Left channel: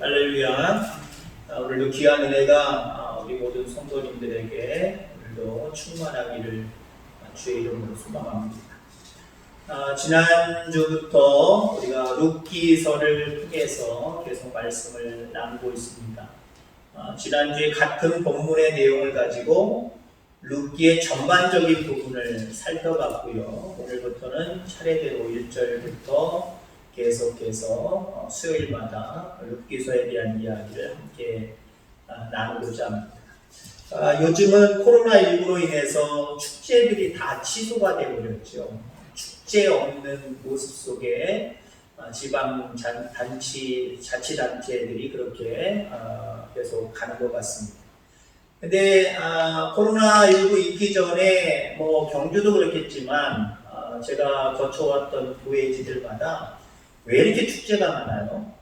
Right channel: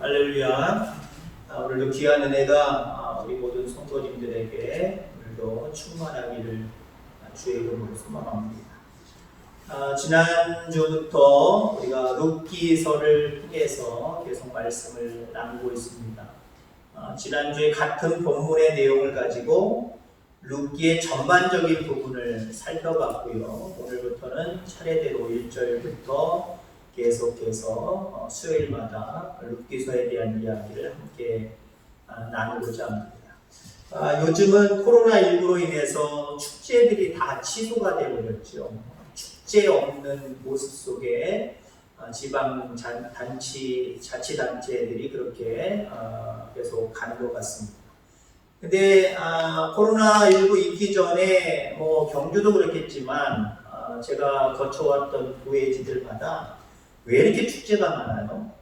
할렐루야. 오늘도 귀한 은혜가 우리 모든 성도님들에게 오늘도 충만하기를 주의 이름으로 소망합니다. 지난주부터 우리가 룻기서를 통해서 계속 말씀을 나누고 있습니다. 지난주에 같은 본문의 내용을 가지고 룻기의 전반적인 부분을 살펴봤고요. 오늘부터는 차례대로 1절부터 계속해서 수요일마다 룻기서에 대한 이야기를 함께 나누고자 합니다. 요즘은 코로나19로 인해서 축제들이 다 취소가 되어버렸죠. 축제 없는 모습 속에 지방 자치단체들이 그렇게 계속 가는 것 같습니다. 근데 코로나19 있기 전에 경주도 그렇겠지만 제가 거쳐왔던 교회지들마다 왜 이렇게 축제가 많아요?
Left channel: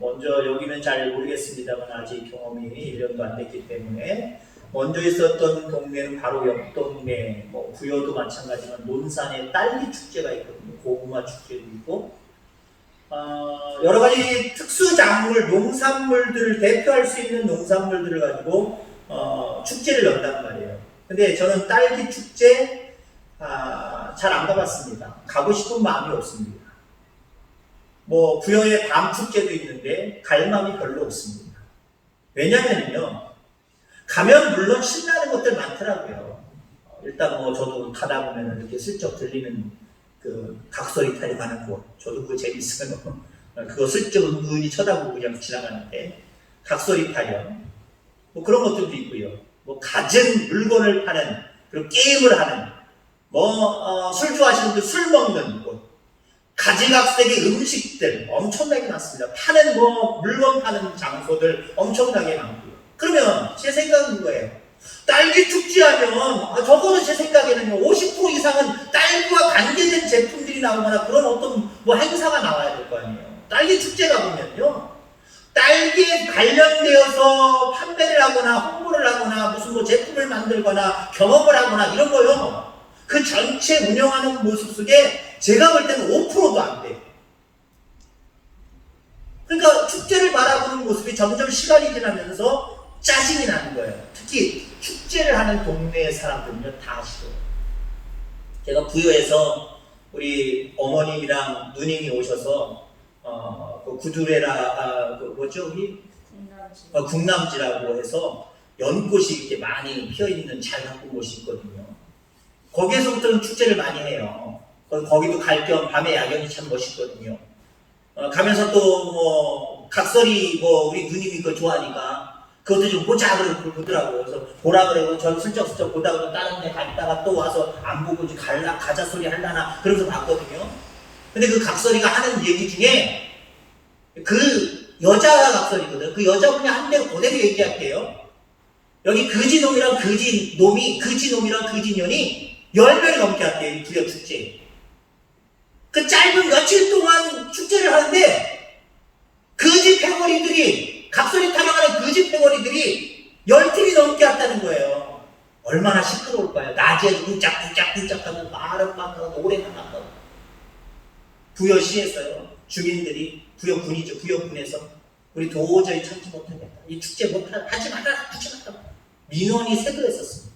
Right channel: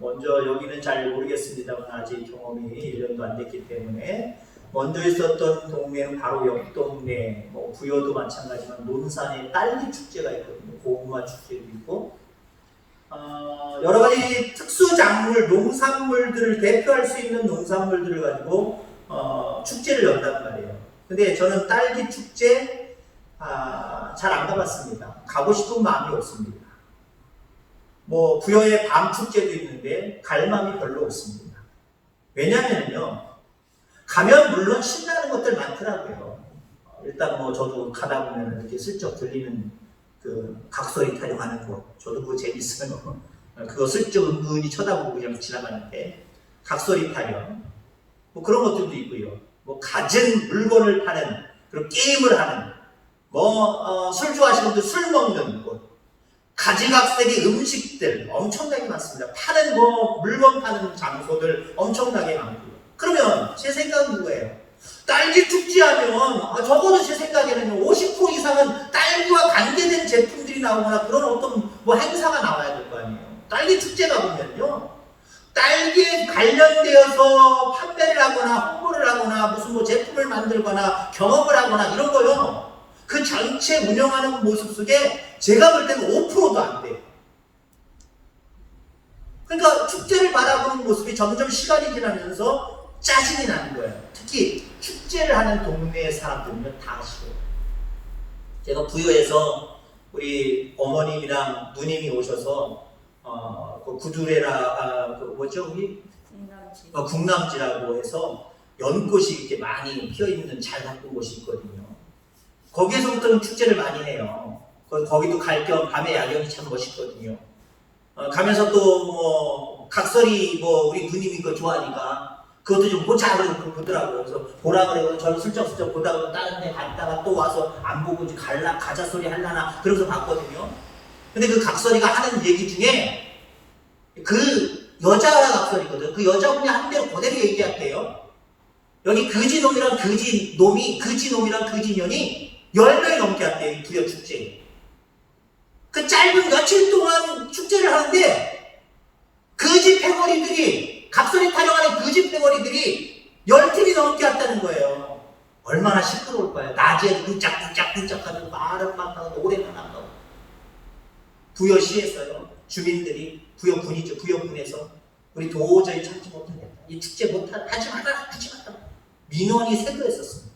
먼저 여기는 잘 모르겠습니다만 아직 경험이 1년도 안 됐기 때문에 먼저 있었던 동네는 바로 옆 동네, 부여도 마찬가지지만 논산에 딸기 축제가 있거든요. 고구마 축제도 있고 여러 가지 특수 작물, 농산물들을 대표할 수 있는 농산물들을 가지고 축제를 연단 말이에요. 근데 저는 딸기 축제 잘 안 가봤습니다. 가고 싶은 마음이 없습니다. 부여에 밤 축제도 있는데 갈 마음이 별로 없습니다. 왜냐면요, 가면 물론 신나는 것들 많더라고요. 일단 저도 가다 보면 이렇게 슬쩍 들리는 그 각설이 타령하는 거, 저도 그거 재밌어요. 그거 슬쩍 은근히 쳐다보고 그냥 지나가는데 각설이 타령, 그런 것들도 있고요. 갖은 물건을 파는, 그리고 게임을 하는, 술 좋아하시는 분들 술 먹는 곳, 가지각색의 음식들 엄청나게 많습니다. 파는 물건 파는 장소들 엄청나게 많고요. 그러면 제 생각은 뭐예요? 딸기 축제하면 적어도 제 생각에는 50% 이상은 딸기와 관계된 제품들이 나오거나 그런 어떤 행사가 나와야 될 거 아니에요. 딸기 축제가 보면요, 딸기에 관련되어서 판매를 하거나 홍보를 하거나 무슨 제품을 만들거나 경험을 하거나 이런 거요. 그 전체 운영하는 모습 속에 제가 볼 때는 5%도 안 돼요. 그러니까 축제를 바라보는 모습이 점점 시간이 지나면서 짜증이 나는 거예요. 특히 축제를 하는 동네의 사람들은 다 싫어요. 제가 부여에서 우리 어머님이랑 누님이 오셔서 그 구두레라 국남지라고 해서 연꽃이 이렇게 많이 피어있는 잘 가꾼 곳이 있거든요. 거기에서부터는 축제를 많이 해요. 거기도 갈 겸 밤에 야경이 참 멋있거든요. 가면서 또 각설이 우리 누님이 그거 좋아하니까 그것도 좀 보자 그러고 보더라고요. 그래서 보라 그래요. 저는 슬쩍슬쩍 보다가 다른 데 갔다가 또 와서 안 보고 가자 소리 하려나 그러면서 봤거든요. 근데 그 각설이가 하는 얘기 중에 그 여자 각설이거든. 그 여자분이 한 대로 그대로 얘기할게요. 여기 그지놈이랑 그지년이 10명이 넘게 왔대요. 이 부여 축제. 그 짧은 며칠 동안 축제를 하는데 그지 패거리들이, 각설이 타령하는 그지 패거리들이 10팀이 넘게 왔다는 거예요. 얼마나 시끄러울까요? 낮에 쿵짝쿵짝 하는 말은 막 하고 노래만 하고. 부여시에서요, 주민들이, 부여군이죠. 부여군에서 우리 도저히 참지 못하겠다. 이 축제 하지 마라. 민원이 세도했었습니다.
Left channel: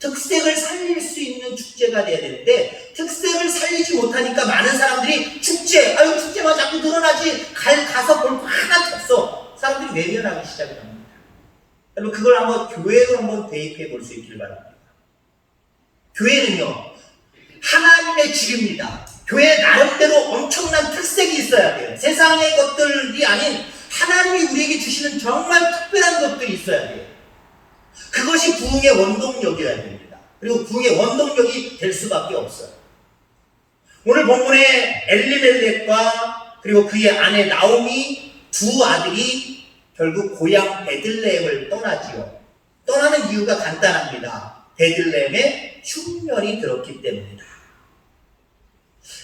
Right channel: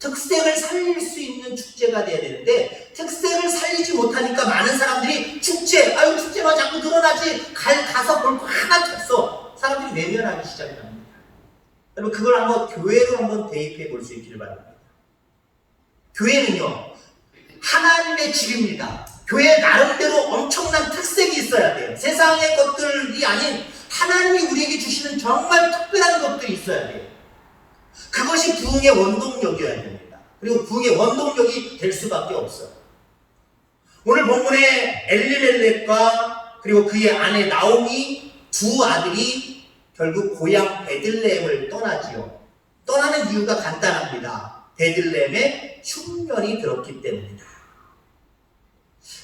특색을 살릴 수 있는 축제가 돼야 되는데 특색을 살리지 못하니까 많은 사람들이 축제가 자꾸 늘어나지 가서 볼 거 하나도 없어. 사람들이 외면하기 시작합니다. 여러분 그걸 한번 교회로 한번 대입해 볼 수 있기를 바랍니다. 교회는요, 하나님의 집입니다. 교회 나름대로 엄청난 특색이 있어야 돼요. 세상의 것들이 아닌 하나님이 우리에게 주시는 정말 특별한 것들이 있어야 돼요. 그것이 부흥의 원동력이어야 됩니다. 그리고 부흥의 원동력이 될 수밖에 없어요. 오늘 본문에 엘리멜렉과 그리고 그의 아내 나오미 두 아들이 결국 고향 베들레헴을 떠나지요. 떠나는 이유가 간단합니다. 베들레헴에 흉년이 들었기 때문이다.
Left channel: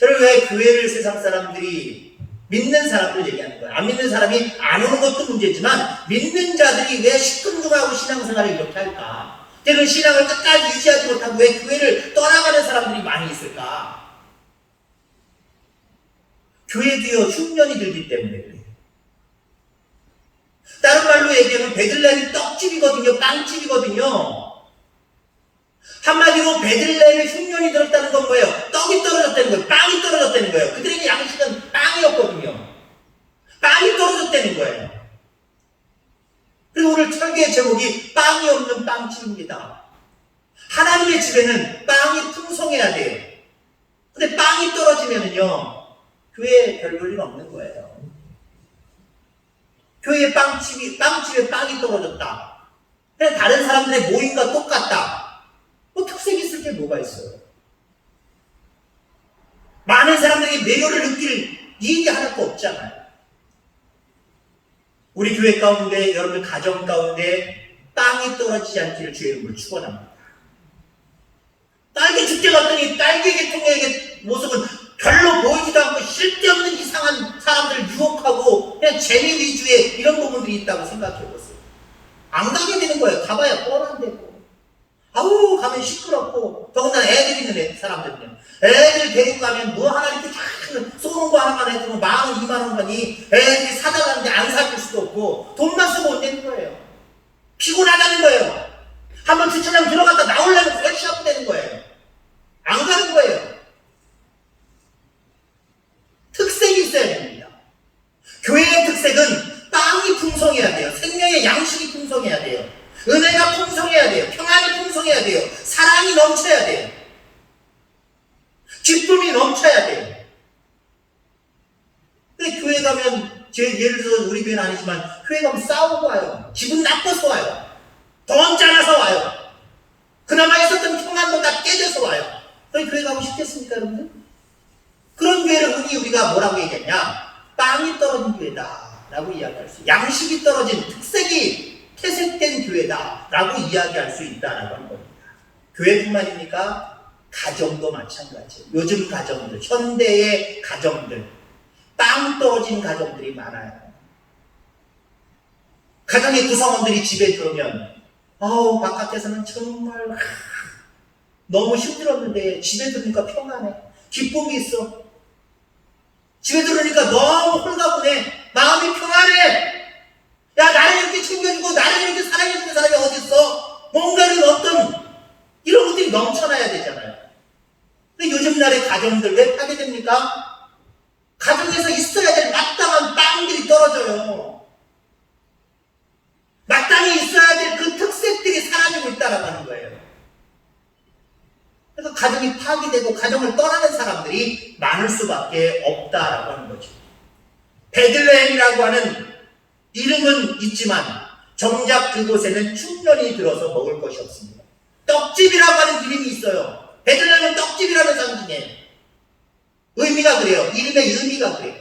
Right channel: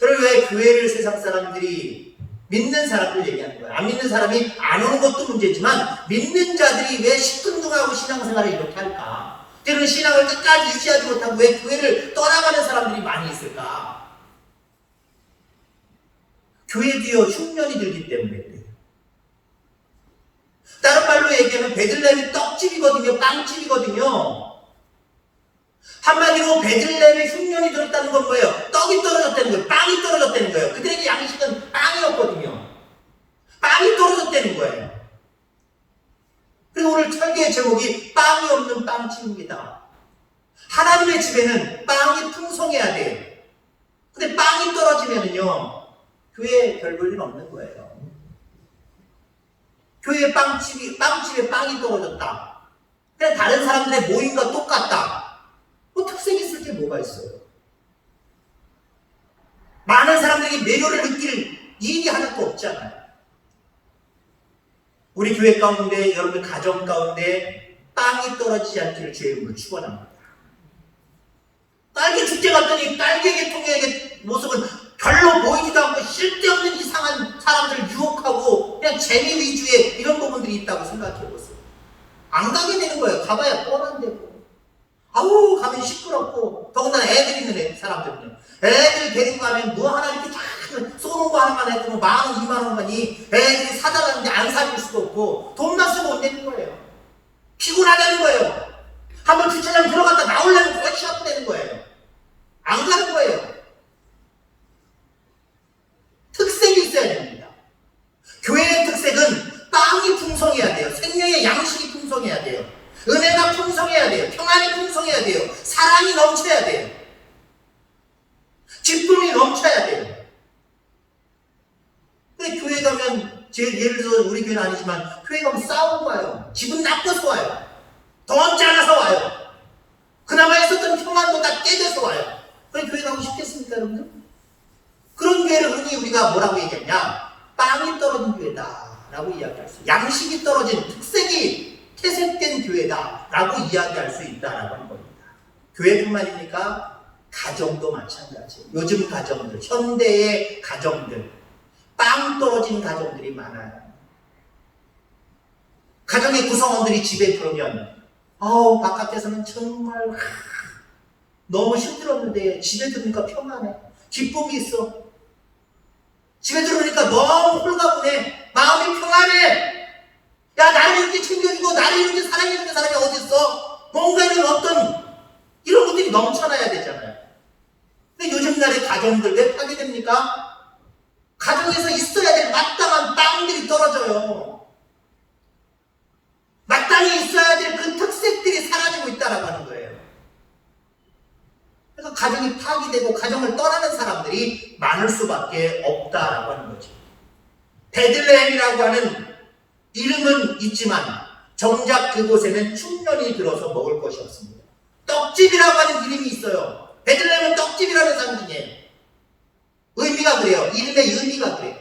여러분 왜 교회를 세상 사람들이, 믿는 사람들 얘기하는 거예요. 안 믿는 사람이 안 오는 것도 문제지만 믿는 자들이 왜 시큰둥하고 신앙생활을 이렇게 할까? 때로는 신앙을 끝까지 유지하지 못하고 왜 교회를 떠나가는 사람들이 많이 있을까? 교회도요 흉년이 들기 때문에 그래요. 다른 말로 얘기하면 베들레헴이 떡집이거든요. 빵집이거든요. 한마디로 베들레헴에 흉년이 들었다는 건 뭐예요? 떡이 떨어졌다는 거예요. 빵이 떨어졌다는 거예요. 그들에게 양식은 빵이었거든요. 빵이 떨어졌다는 거예요. 그리고 오늘 설교의 제목이 빵이 없는 빵집입니다. 하나님의 집에는 빵이 풍성해야 돼요. 근데 빵이 떨어지면은요, 교회에 별 볼 일 없는 거예요. 교회에 빵집에 빵이 떨어졌다. 근데 다른 사람들의 모임과 똑같다. 뭐 특색이 있을 게 뭐가 있어요? 많은 사람들이 매료를 느낄 일이 하나도 없잖아요. 우리 교회 가운데, 여러분들 가정 가운데 빵이 떨어지지 않기를 주의 이름으로 축원합니다. 딸기 축제 갔더니 딸기 계통의 모습은 별로 보이지도 않고 쓸데없는 이상한 사람들을 유혹하고 그냥 재미 위주의 이런 부분들이 있다고 생각해보세요. 안 가게 되는 거예요. 가봐야 뻔한데고. 아우 가면 시끄럽고 더군다나 애들 있는 사람들은요. 애들 데리고 가면 뭐 하나 이렇게 쫙 쏘는 거 하나만 해도 10,000원, 20,000원 가니 애들이 사달라는데 안 사줄 수도 없고 돈만 쓰고 못 내는 거예요. 피곤하다는 거예요. 한번 주차장 들어갔다 나오려면 거의 시합되는 거예요. 안 가는 거예요. 특색이 있어야 됩니다. 교회의 특색은 빵이 풍성해야 돼요. 생명의 양식이 풍성해야 돼요. 은혜가 풍성해야 돼요. 평안이 풍성해야 돼요. 사랑이 넘쳐야 돼요. 기쁨이 넘쳐야 돼요. 근데 교회 가면 예를 들어 우리 교회는 아니지만 교회 가면 싸우고 와요. 기분 나빠서 와요. 더 짜라서 와요. 그나마 있었던 평안보다 깨져서 와요. 그럼 교회 가고 싶겠습니까, 여러분들? 그런 교회를 흔히 우리가 뭐라고 얘기하냐? 빵이 떨어진 교회다 라고 이야기할 수 있어요. 양식이 떨어진 특색이 퇴색된 교회다 라고 이야기할 수 있다라고 하는 겁니다. 교회뿐만입니까? 가정도 마찬가지예요. 요즘 가정들, 현대의 가정들, 빵 떨어진 가정들이 많아요. 가정의 구성원들이 집에 들어오면 바깥에서는 정말 너무 힘들었는데 집에 들으니까 평안해. 기쁨이 있어. 집에 들어오니까 너무 홀가분해. 마음이 평안해. 야, 나를 이렇게 챙겨주고 나를 이렇게 사랑해주는 사람이 어디 있어? 뭔가는 어떤 이런 것들이 넘쳐나야 되잖아요. 근데 요즘 날의 가정들 왜 파괴됩니까? 가정에서 있어야 될 마땅한 빵들이 떨어져요. 마땅히 있어야 될 그 특색들이 사라지고 있다라고 하는 거예요. 그래서 가정이 파괴되고 가정을 떠나는 사람들이 많을 수밖에 없다라고 하는 거죠. 베들레헴이라고 하는 이름은 있지만 정작 그곳에는 흉년이 들어서 먹을 것이 없습니다. 떡집이라고 하는 이름이 있어요. 베들레헴은 떡집이라는 상징이에요. 의미가 그래요. 이름의 의미가 그래요.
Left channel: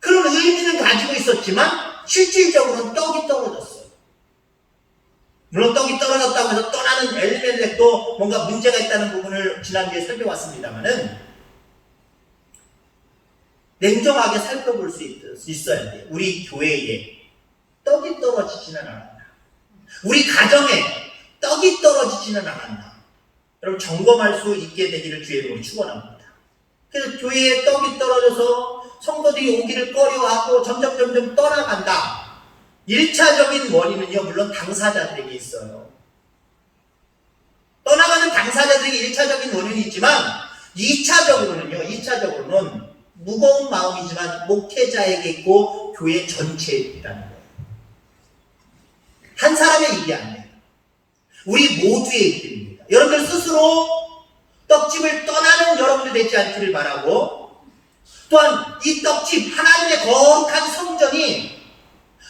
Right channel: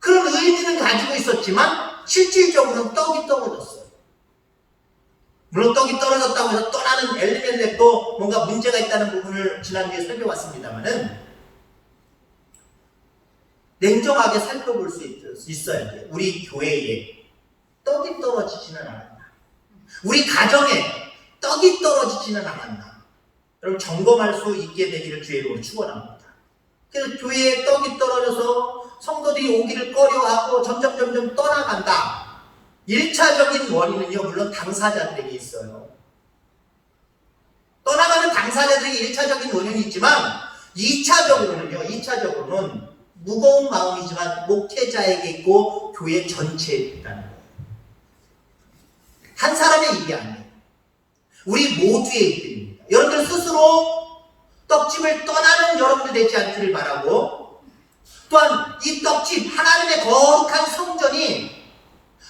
그런 의미는 가지고 있었지만 실질적으로는 떡이 떨어졌어요. 물론 떡이 떨어졌다고 해서 떠나는 엘리멜렉도 뭔가 문제가 있다는 부분을 지난주에 살펴봤습니다만은 냉정하게 살펴볼 수 있어야 돼요. 우리 교회에 떡이 떨어지지는 않았나. 우리 가정에 떡이 떨어지지는 않았나. 여러분 점검할 수 있게 되기를 주의 이름으로 축원합니다. 그래서 교회에 떡이 떨어져서 성도들이 오기를 꺼려하고 점점 떠나간다. 1차적인 원인은요, 물론 당사자들에게 있어요. 떠나가는 당사자들에게 1차적인 원인이 있지만 2차적으로는 무거운 마음이지만 목회자에게 있고 교회 전체에 있다는 거예요. 한 사람의 일이 아니에요. 우리 모두의 일입니다. 여러분들 스스로 떡집을 떠나는 여러분들 되지 않기를 바라고, 또한 이 떡집 하나님의 거룩한 성전이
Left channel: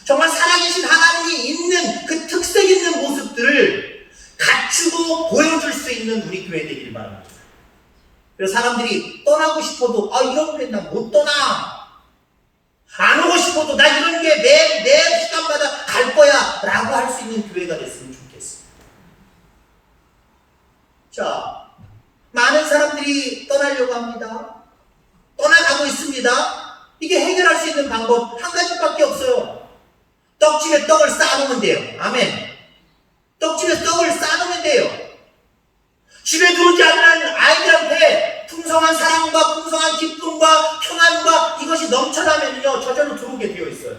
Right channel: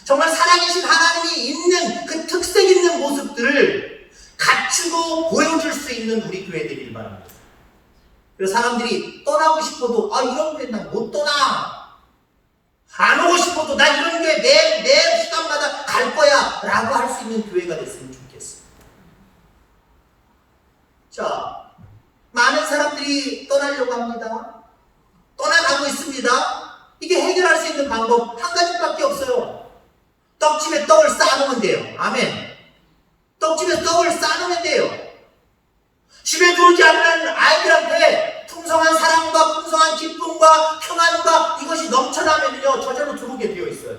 정말 살아계신 하나님이 있는 그 특색 있는 모습들을 갖추고 보여줄 수 있는 우리 교회 되기를 바랍니다. 그래서 사람들이 떠나고 싶어도 이런 교회 나 못 떠나. 안 오고 싶어도 나 이런 교회 매 시간마다 갈 거야 라고 할 수 있는 교회가 됐으면 좋겠습니다. 자, 많은 사람들이 떠나려고 합니다. 떠나가고 있습니다. 이게 해결할 수 있는 방법 한 가지밖에 없어요. 떡집에 떡을 쌓아놓으면 돼요. 아멘. 떡집에 떡을 쌓아놓으면 돼요. 집에 들어오지 않는 아이들한테 풍성한 사랑과 풍성한 기쁨과 평안과 이것이 넘쳐나면요 저절로 들어오게 되어 있어요.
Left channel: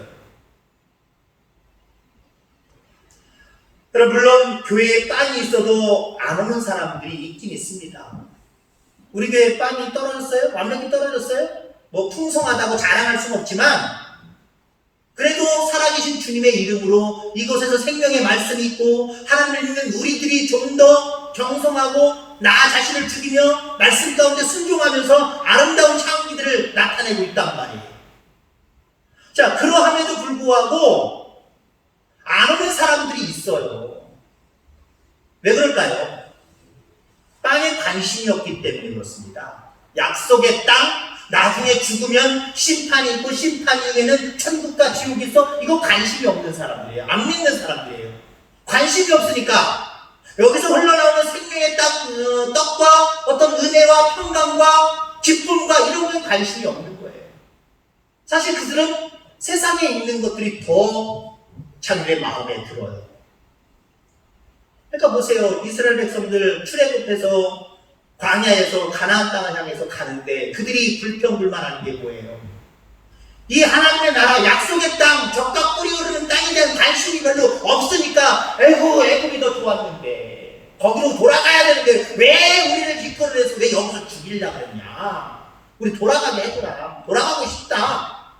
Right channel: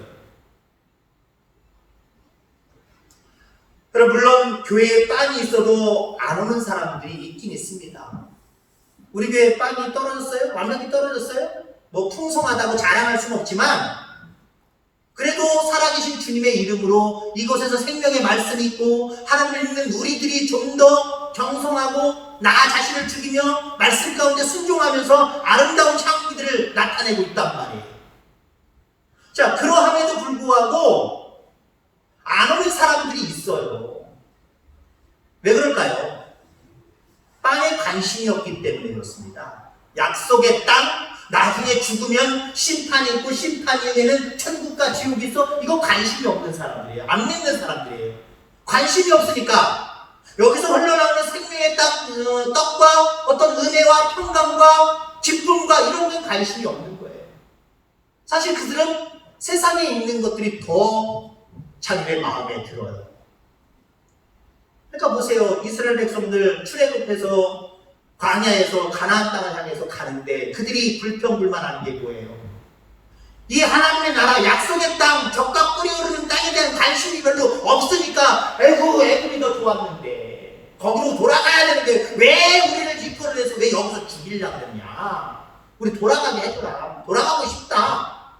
그럼 물론 교회에 빵이 있어도 안 오는 사람들이 있긴 있습니다. 우리 교회에 빵이 떨어졌어요? 완전히 떨어졌어요? 뭐 풍성하다고 자랑할 수는 없지만 그래도 살아계신 주님의 이름으로 이곳에서 생명의 말씀이 있고 하나님을 믿는 우리들이 좀 더 정성하고 나 자신을 죽이며 말씀 가운데 순종하면서 아름다운 창기들을 나타내고 있단 말이에요. 자, 그러함에도 불구하고 안 오는 사람들이 있어요. 왜 그럴까요? 빵에 관심이 없기 때문에 그렇습니다. 약속의 땅, 나중에 죽으면 심판이 있고 심판 이후에는 천국과 지옥이 있어. 이거 관심이 없는 사람들이에요. 안 믿는 사람들이에요. 관심이 없으니까 여기서 흘러나오는 생명의 떡과 어떤 은혜와 평강과 기쁨과 이런 건 관심이 없는 거예요. 사실 그들은 세상에 있는 것들이 더 자기의 마음에 들어요. 그러니까 보세요. 이스라엘 백성들 출애굽해서 광야에서 가나안 땅을 향해서 가는데 그들이 불평불만하는 게 뭐예요? 이 하나님의 나라 약속의 땅, 젖과 꿀이 흐르는 땅에 대한 관심이 별로 없으니까 에이구 애굽이 더 좋았는데 거기로 돌아가야 되는데 왜 우리를 기뻐를 해서 왜 여기서 죽이려고 그러냐? 우리 돌아가게 해줘라. 돌아가고 싶다.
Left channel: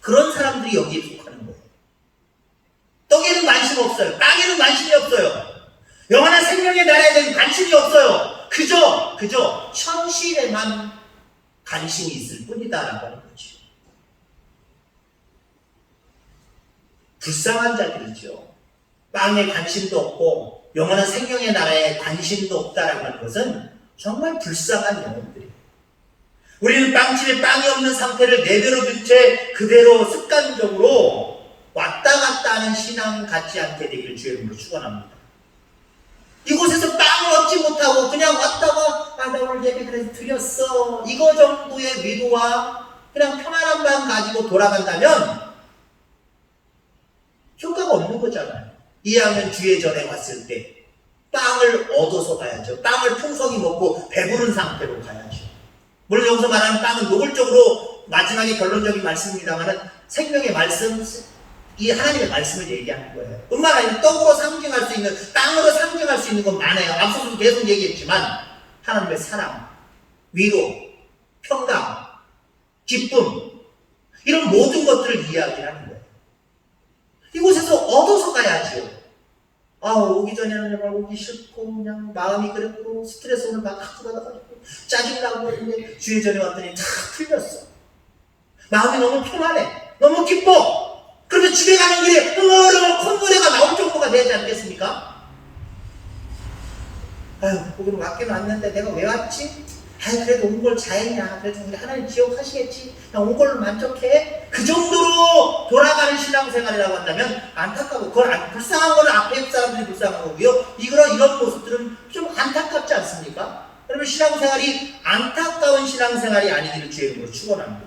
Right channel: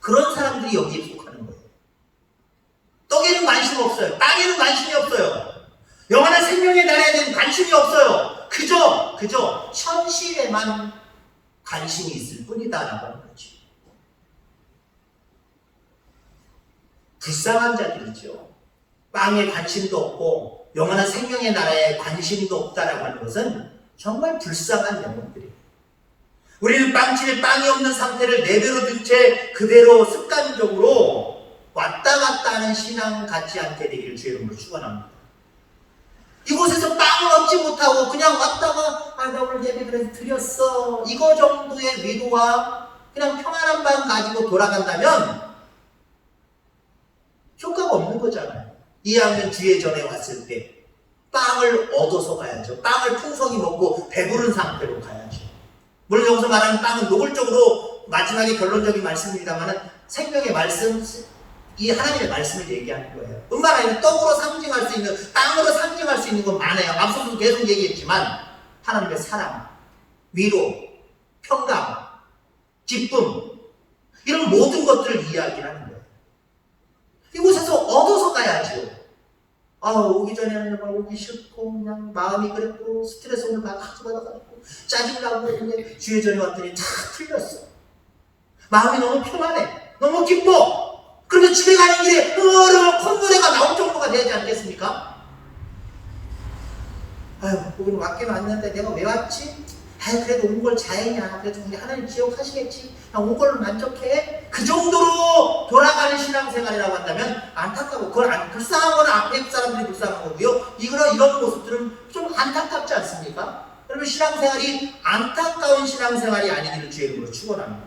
그런 사람들이 여기에 속하는 거예요. 떡에는 관심 없어요. 땅에는 관심이 없어요. 영원한 생명의 나라에 대한 관심이 없어요. 그저 현실에만 관심이 있을 뿐이다라고 하는 거죠. 불쌍한 자들이죠. 빵에 관심도 없고 영원한 생명의 나라에 관심도 없다라고 하는 것은 정말 불쌍한 영혼들이에요. 우리는 빵집에 빵이 없는 상태를 내버려 둔 채 그대로 습관적으로 왔다 갔다 하는 신앙 같지 않게 되기를 주의 이름으로 축원합니다. 이곳에서 빵을 얻지 못하고 그냥 왔다가 나 오늘 예배 드렸어. 이거 정도의 위로와 그냥 평안한 마음 가지고 돌아간다면 효과가 없는 거잖아요. 이왕이면 주의 전에 왔을 때 빵을 얻어서 가야죠. 빵을 풍성히 먹고 배부른 상태로 가야죠. 물론 여기서 말하는 빵은 노골적으로 마지막에 결론적인 말씀입니다만 생명의 말씀, 이 하나님의 말씀을 얘기하는 거예요. 뿐만 아니라 떡으로 상징할 수 있는, 땅으로 상징할 수 있는 건 많아요. 앞서도 계속 얘기했지만 하나님의 사랑, 위로, 평강, 기쁨 이런 모든 것들을 이야기하는 거예요. 이곳에서 얻어서 가야지요. 오기 전에는 정말 오기 싫고 그냥 마음이 그랬고 스트레스 오늘 막 받아가지고 짜증나고 그랬는데 주의 전에 왔더니 다 풀렸어. 마음이 너무 평안해. 너무 기뻐. 그러면 집에 가는 길에 콧노래가 나올 정도가 되지 않겠습니까? 거기는 왔긴 왔는데 내가 왜 왔지? 그래도 온 걸 잘했냐. 그래도 우리 하나님 기억하시겠지. 온 걸로 만족해. 그 정도로 돌아가는 신앙생활이라고 한다면 안타까워. 그걸 불쌍한 거는 앞에 사람들이 불쌍한 거고요. 이런 모습들은 좀 안타깝지 않습니까? 그러면 신앙생활이 안타까운 신앙생활이 아니기를 주의 이름으로 축원합니다.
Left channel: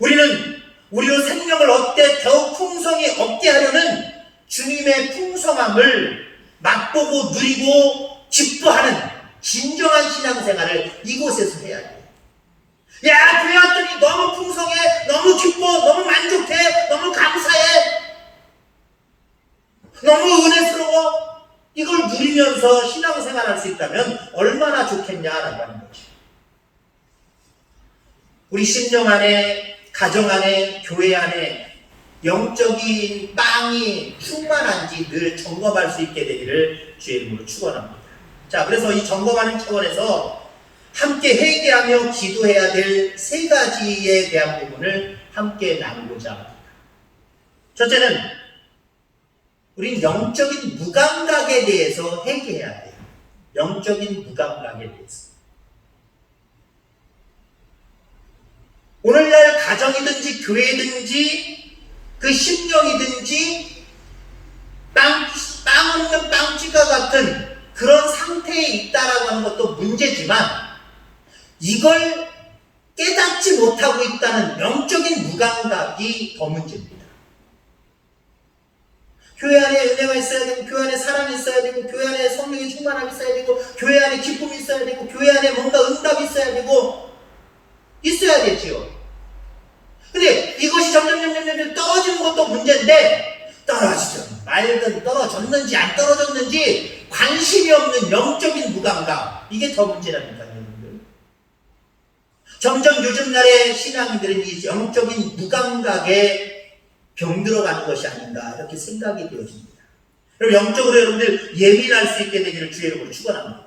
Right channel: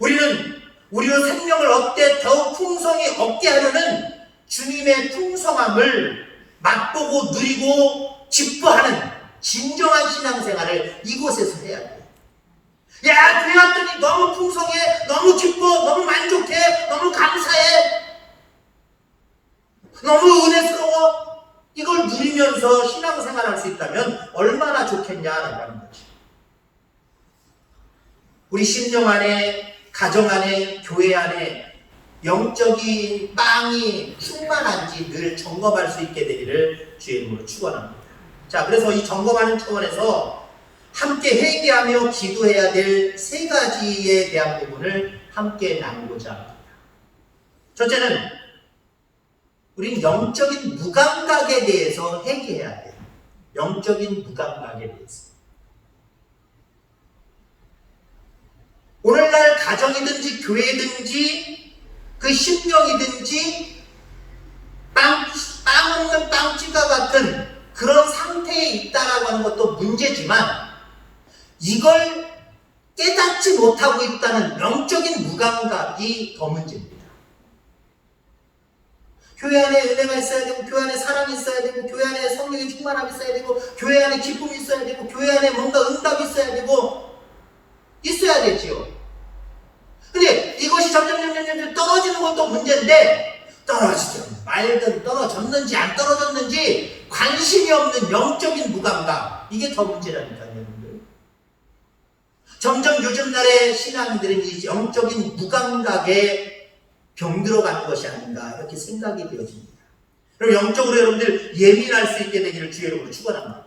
우리는 우리로 생명을 얻되 더욱 풍성히 얻게 하려는 주님의 풍성함을 맛보고 누리고 기뻐하는 진정한 신앙생활을 이곳에서 해야 돼요. 야, 교회 왔더니 너무 풍성해, 너무 기뻐, 너무 만족해, 너무 감사해, 너무 은혜스러워. 이걸 누리면서 신앙생활할 수 있다면 얼마나 좋겠냐라고 하는 거죠. 우리 심령 안에, 가정 안에, 교회 안에 영적인 빵이 충만한지 늘 점검할 수 있게 되기를 주의 이름으로 축원합니다. 자, 그래서 이 점검하는 차원에서 함께 회개하며 기도해야 될 세 가지에 대한 부분을 함께 나누고자 합니다. 첫째는 우리는 영적인 무감각에 대해서 회개해야 돼요. 영적인 무감각에 대해서. 오늘날 가정이든지 교회든지 그 심령이든지 빵 없는 빵쥐가 같은 그런 상태에 있다라고 하는 것도 문제지만 이걸 깨닫지 못하고 있다는 영적인 무감각이 더 문제입니다. 교회 안에 은혜가 있어야 되고, 교회 안에 사랑이 있어야 되고, 교회 안에 성령의 충만함이 있어야 되고, 교회 안에 기쁨이 있어야 되고, 교회 안에 뭔가 응답이 있어야 되고, 있어야 되지요. 근데 이것이 점점 떨어지는 것도 문제인데, 떨어지죠. 말든 떨어졌는지 안 떨어졌는지 관심이 없는 영적인 무감각, 이게 더 문제라니까요, 여러분들. 점점 요즘 날의 신앙인들은 이 영적인 무감각에 병들어가는 것이 아닌가, 이렇게 생각이 되어집니다. 그럼 영적으로 여러분들 예민할 수 있게 되기를 주의 이름으로 축원합니다.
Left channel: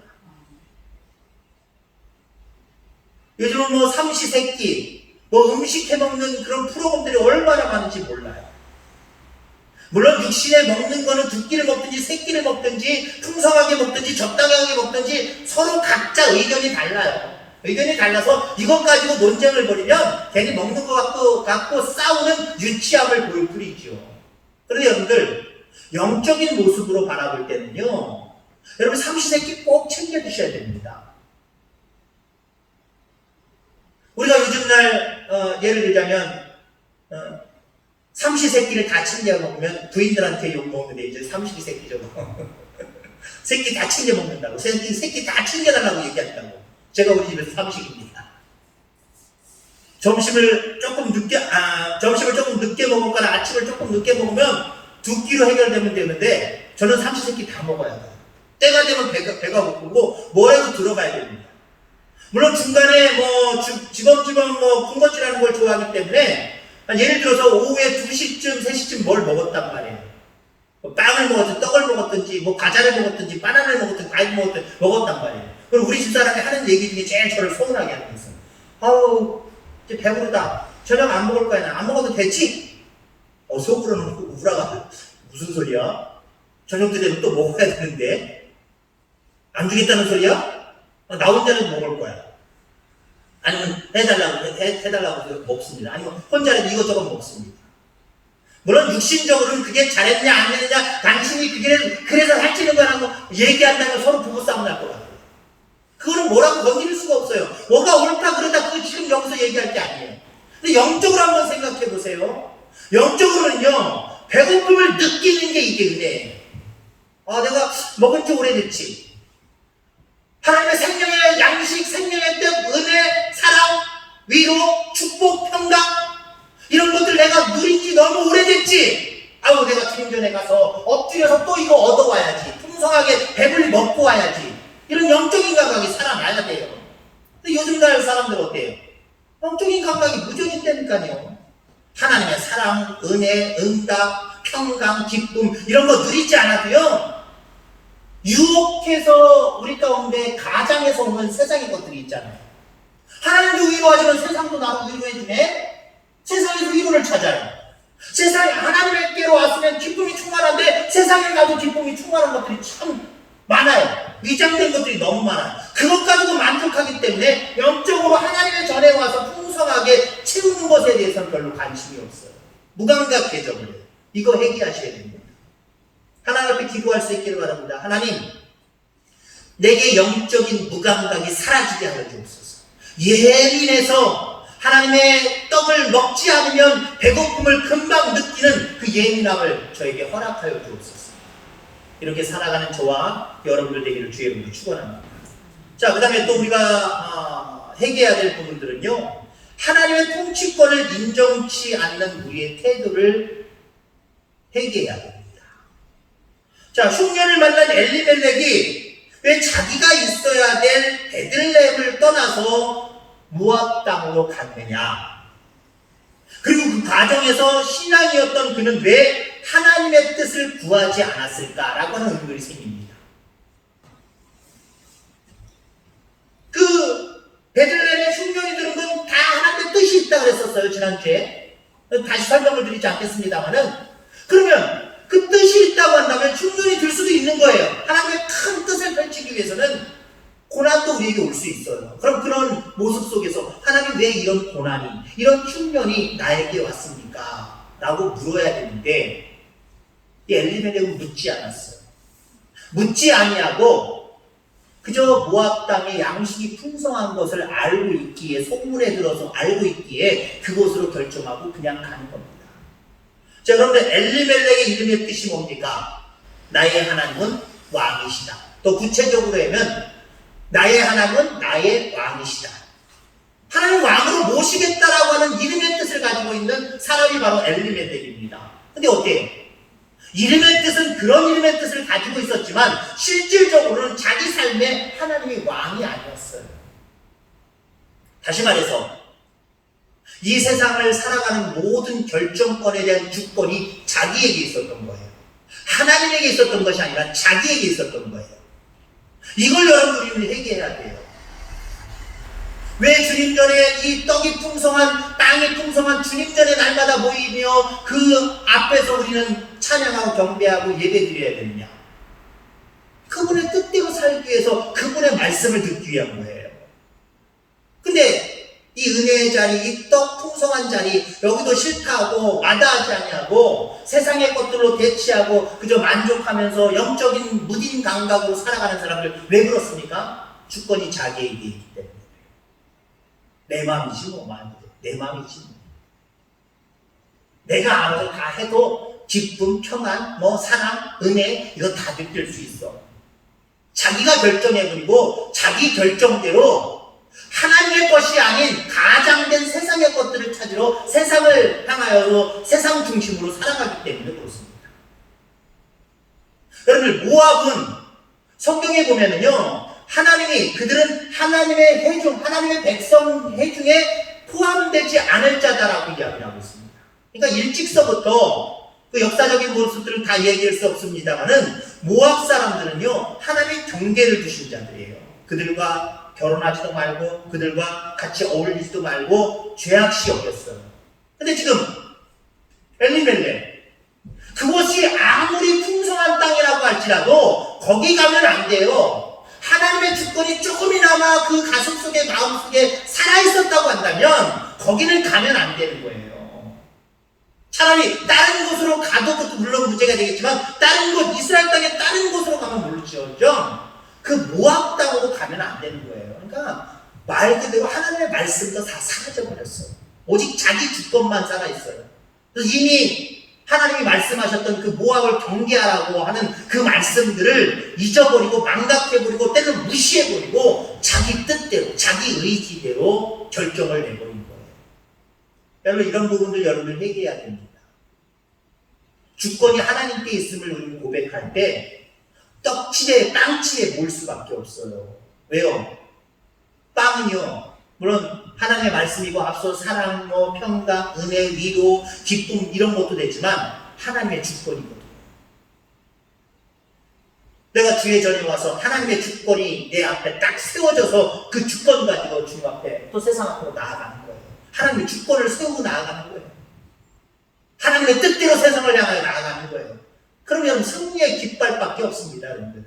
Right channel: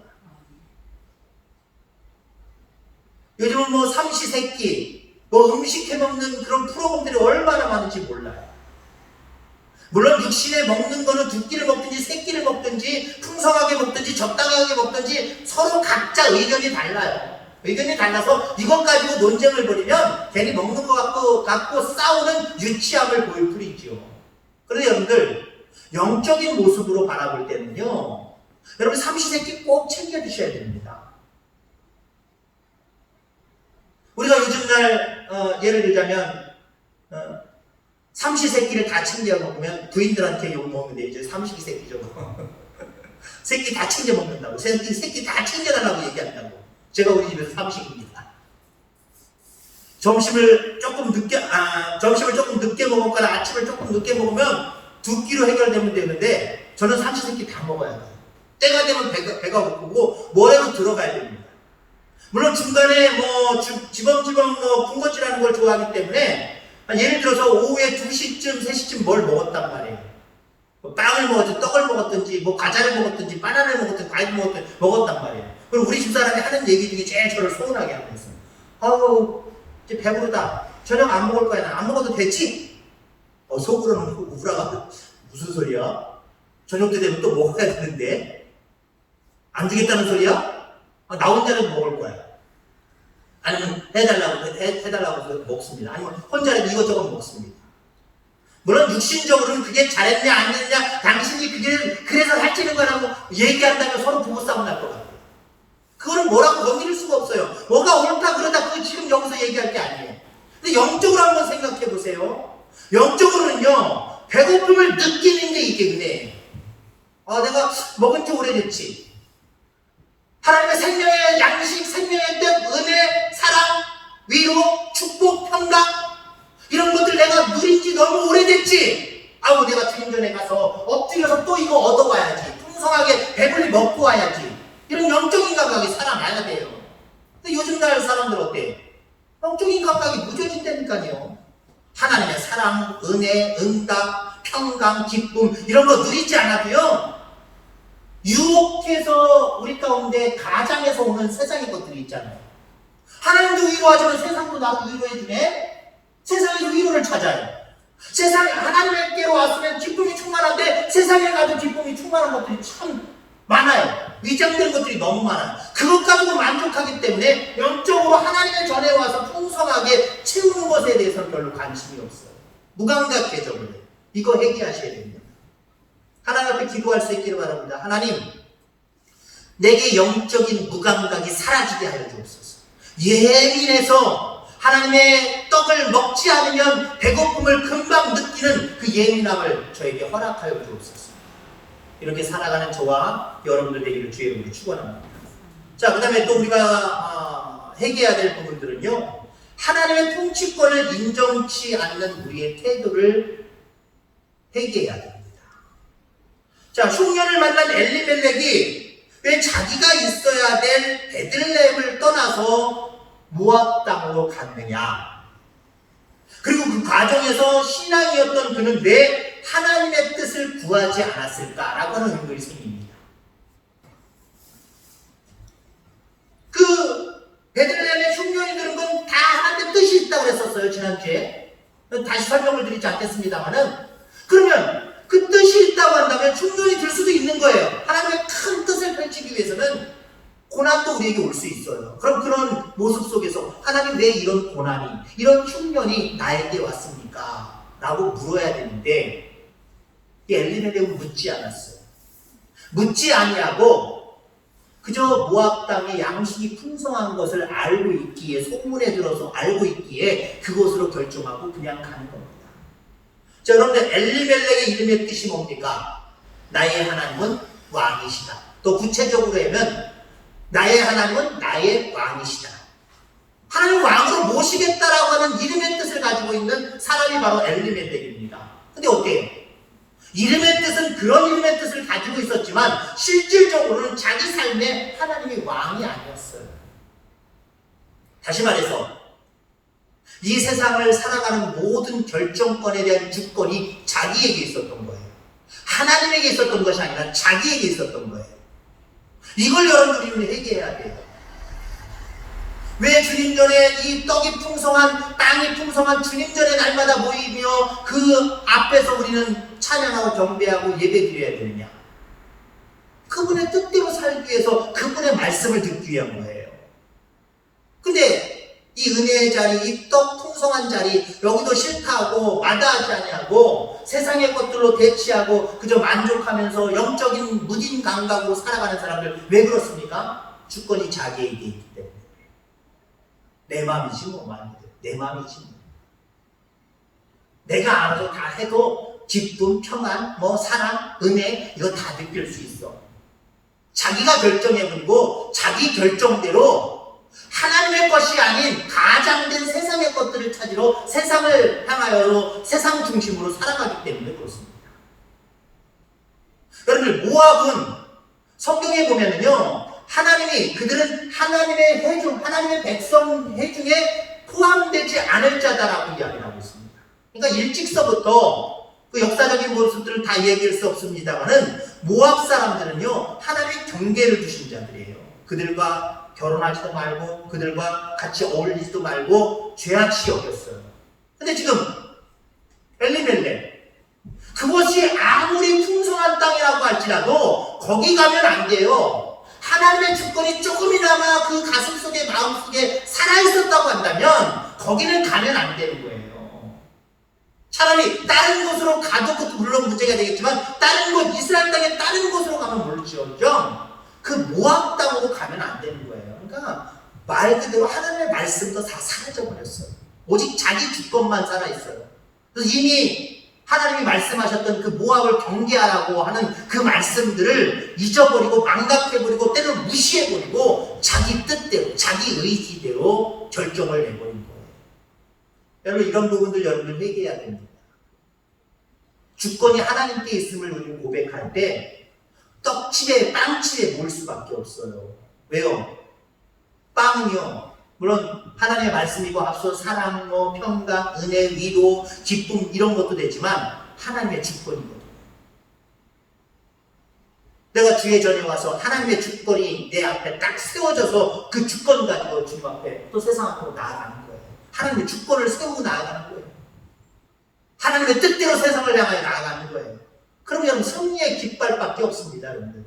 요즘은 뭐 삼시세끼, 뭐 음식 해먹는 그런 프로그램들이 얼마나 많은지 몰라요. 물론 육신에 먹는 거는 두 끼를 먹든지 세 끼를 먹든지 풍성하게 먹든지 적당하게 먹든지 서로 각자 의견이 달라요. 의견이 달라서 이것 가지고 논쟁을 벌이면 괜히 먹는 것 갖고 싸우는 유치함을 보일 뿐이죠. 그런데 여러분들 영적인 모습으로 바라볼 때는요, 여러분 삼시세끼 꼭 챙겨 드셔야 됩니다. 우리가 요즘날 예를 들자면 삼시세끼를 다 챙겨 먹으면 부인들한테 욕 먹는데 이제 삼시세끼죠. 세끼 다 챙겨 먹는다고, 세끼 다 챙겨달라고 얘기한다고. 제가 우리 집에서 삼식입니다. 점심을 조금 늦게 먹거나 아침을 조금 늦게 먹으면 두 끼로 해결되면 되는데 저는 삼시세끼 다 먹어야 돼요. 때가 되면 배가 고프고 뭐라도 들어가야 됩니다. 물론 중간에 뭐 지범 뭐 군것질하는 걸 좋아하기 때문에 예를 들어서 오후에 2시쯤 3시쯤 뭘 먹었단 말이에요. 뭐 빵을 먹었든지 떡을 먹었든지 뭐 과자를 먹었든지 바나나를 먹었든지 과일을 먹었단 말이에요. 그럼 우리 집사람이 하는 얘기 중에 제일 저를 서운하게 하는 거예요. 아우 이제 배부르다. 저녁 안 먹을 거야. 나 안 먹어도 되지? 속으로는 우라가 무슨 소리야? 저녁 때 되면 또 먹어야 되는데 안 주겠다는 소리야? 나 혼자는 먹을 거야. 아니면 해달라고 해서 먹습니다. 아니면 혼자라도 이것저것 먹습니다. 물론 육신적으로는 그게 잘했냐 안 했냐, 당신이 그래서 살찌는 거라고 얘기한다면 서로 부부싸움 날 것 같아요. 그거는 뭐라고 건드릴 수가 없어요. 뭐가 옳다 그러다 그거 지금 여기서 얘기할 게 아니에요. 근데 영적으로 한번 생각해 보세요. 영적으로는요, 배고픔을 느끼는 게 이게 은혜예요. 내가 먹은 지 오래됐지. 하나님의 생명의 양식, 생명의 뜻, 은혜, 사랑, 위로, 축복, 평강, 이런 것들 내가 누린 지 너무 오래됐지. 내가 주님 전에 가서 엎드려서 또 이거 얻어와야지. 풍성하게 배불리 먹고 와야지. 이런 영적인 감각이 살아나야 돼요. 근데 요즘 날 사람들 어때요? 영적인 감각이 무전히 있다니까요. 하나님의 사랑, 은혜, 응답, 평강, 기쁨, 이런 거 누리지 않아도요, 유혹해서 우리 가운데 가장에서 오는 세상의 것들이 있잖아요. 하나님도 위로하지만 세상도 나를 위로해주네. 세상에서 위로를 찾아요. 세상에 하나님께로 왔으면 기쁨이 충만한데 세상에 가도 기쁨이 충만한 것들이 참 많아요. 위장된 것들이 너무 많아요. 그것 가지고 만족하기 때문에 영적으로 하나님의 전에 와서 풍성하게 채우는 것에 대해서는 별로 관심이 없어요. 무감각 대접을 해요. 이거 해결하셔야 됩니다. 하나님 앞에 기도할 수 있기를 바랍니다. 하나님, 내게 영적인 무감각이 사라지게 하여 주옵소서. 예민해서 하나님의 떡을 먹지 않으면 배고픔을 금방 느끼는 그 예민함을 저에게 허락하여 주옵소서. 이렇게 살아가는 저와 여러분들 되기를 주의 이름으로 축원합니다. 자, 그 다음에 또 우리가 회개해야 될 부분들은요, 하나님의 통치권을 인정치 않는 우리의 태도를 회개해야 됩니다. 자, 흉년을 만난 엘리멜렉이 왜 자기가 있어야 될 베들레헴을 떠나서 모압 땅으로 갔느냐? 그리고 그 과정에서 신앙이었던 그는 왜 하나님의 뜻을 구하지 않았을까라고 하는 의문이 생깁니다. 그 베들레헴의 흉년이 들은 건 다 하나님의 뜻이 있다고 그랬었어요, 지난주에. 다시 설명을 드리지 않겠습니다만은, 그러면 그 뜻이 있다고 한다면 흉년이 들 수도 있는 거예요. 하나님의 큰 뜻을 펼치기 위해서는 고난도 우리에게 올 수 있어요. 그럼 그런 모습 속에서 하나님 왜 이런 고난이, 이런 흉년이 나에게 왔습니까? 라고 물어야 되는데 이 엘리멜렉은 묻지 않았어요. 묻지 아니하고 그저 모압 땅에 양식이 풍성한 것을 알고 있기에, 소문에 들어서 알고 있기에 그곳으로 결정하고 그냥 가는 겁니다. 자, 여러분들 엘리멜렉의 이름의 뜻이 뭡니까? 나의 하나님은 왕이시다. 또 구체적으로 하면 나의 하나님은 나의 왕이시다. 하나님 왕으로 모시겠다라고 하는 이름의 뜻을 가지고 있는 사람이 바로 엘리멜렉입니다. 근데 어때요? 이름의 뜻은 그런 이름의 뜻을 가지고 있었지만 실질적으로는 자기 삶에 하나님이 왕이 아니었어요. 다시 말해서 이 세상을 살아가는 모든 결정권에 대한 주권이 자기에게 있었던 거예요. 하나님에게 있었던 것이 아니라 자기에게 있었던 거예요. 이걸 여러분들이 회개해야 돼요. 왜 주님 전에 이 떡이 풍성한, 땅이 풍성한 주님 전에 날마다 모이며 그 앞에서 우리는 찬양하고 경배하고 예배드려야 되느냐? 그분의 뜻대로 살기 위해서 그분의 말씀을 듣기 위한 거예요. 근데 이 은혜의 자리, 이 떡 풍성한 자리, 여기도 싫다고 마다하지 아니하고 세상의 것들로 대치하고 그저 만족하면서 영적인 무딘 감각으로 살아가는 사람들 왜 그렇습니까? 주권이 자기에게 있기 때문에. 내 마음이지 뭐 말이죠. 내 마음이지 뭐. 내가 알아서 다 해도 기쁨, 평안, 뭐 사랑, 은혜 이거 다 느낄 수 있어. 자기가 결정해버리고 자기 결정대로 하나님의 것이 아닌 가장된 세상의 것들을 찾으러 세상을 향하여 세상 중심으로 살아가기 때문에 그렇습니다. 여러분들 모압은 성경에 보면은요 하나님이 그들은 하나님의 회중, 하나님의 백성 회중에 포함되지 않을 자다라고 이야기를 하고 있습니다. 그러니까 일찍서부터 그 역사적인 모습들은 다 얘기할 수 없습니다만은 모압 사람들은요 하나님의 경계를 두신 자들이에요. 그들과 결혼하지도 말고 그들과 같이 어울리지도 말고 죄악시 여겼어요. 근데 지금 엘리멜렉 그것이 아무리 풍성한 땅이라고 할지라도 거기 가면 안 돼요. 하나님의 주권이 조금이나마 그 가슴속에 마음속에 살아있었다고 한다면 거기는 가면 안 되는 거예요. 차라리 다른 곳으로 가도 물론 문제가 되겠지만 다른 곳 이스라엘 땅에 다른 곳으로 가면 모르죠. 그 모압 땅으로 가면 안 되는 거예요. 그러니까 말 그대로 하나님의 말씀도 다 사라져 버렸어요. 오직 자기 주권만 살아있어요. 그래서 이미 하나님이 말씀하셨던 그 모압을 경계하라고 하는 그 말씀들을 잊어버리고 망각해버리고 때로는 무시해버리고 자기 뜻대로 자기 의지대로 결정을 내버린 거예요. 여러분 이런 부분들 여러분들 회개해야 됩니다. 주권이 하나님께 있음을 우리는 고백할 때 떡칠에 빵칠에 모을 수밖에 없어요. 왜요? 빵은요 물론 하나님의 말씀이고 앞서 사랑, 평강, 은혜, 위로, 기쁨 이런 것도 되지만 하나님의 주권이거든요. 내가 주의 전에 와서 하나님의 주권이 내 앞에 딱 세워져서 그 주권 가지고 주님 앞에 또 세상 앞으로 나아가는 거예요. 하나님의 주권을 세우고 나아가는 거예요. 하나님의 뜻대로 세상을 향하여 나아가는 거예요. 그럼 여러분 승리의 깃발밖에 없습니다. 여러분들.